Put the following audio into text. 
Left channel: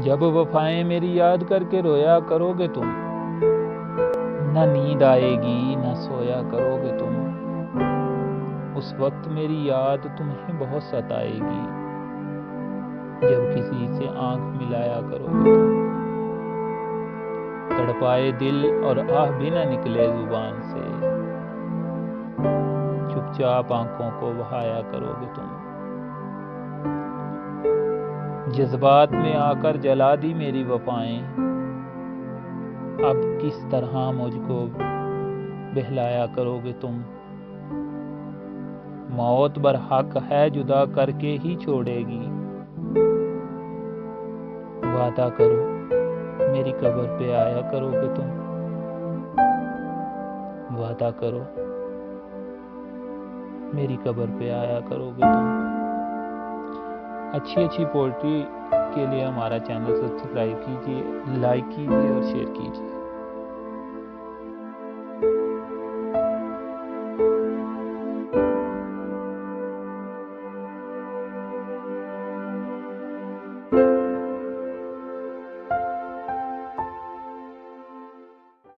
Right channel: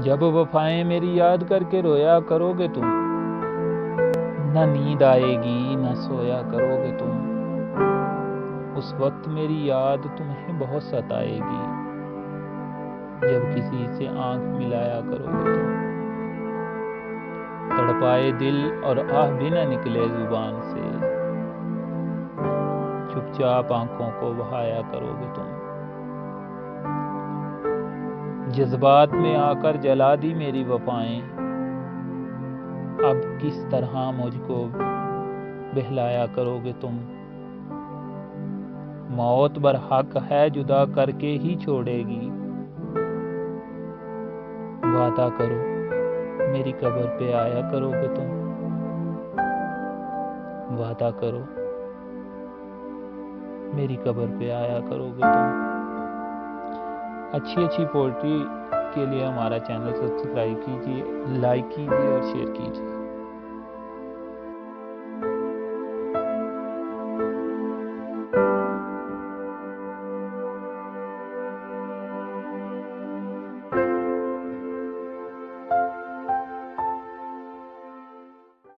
जब वफाएं मेरी याद करके रोया करोगे तुम, न नींद आएगी न सोया करोगे तुम। उस वक्त मेरी याद तुम्हें बहुत सताएगी, जब किसी से आंख मिलाया करोगे तुम। तड़पाए दिल और आह भी न निकले जुबान से, चुपचाप आंखों को बहाया करोगे तुम। जज्बात में आकर जला दी मेरी वफाएं, अब किस तरह मुझको बहलाया करोगे तुम। मौत बरहक है जुदा करके ही छोड़ेगी, वादा करो मेरी कब्र पे आया करोगे तुम। वादा करो मेरी कब्र पे आया करोगे तुम। अच्छी पोएट्री के लिए हमारा चैनल सब्सक्राइब कीजिए, लाइक कीजिए और शेयर कीजिए।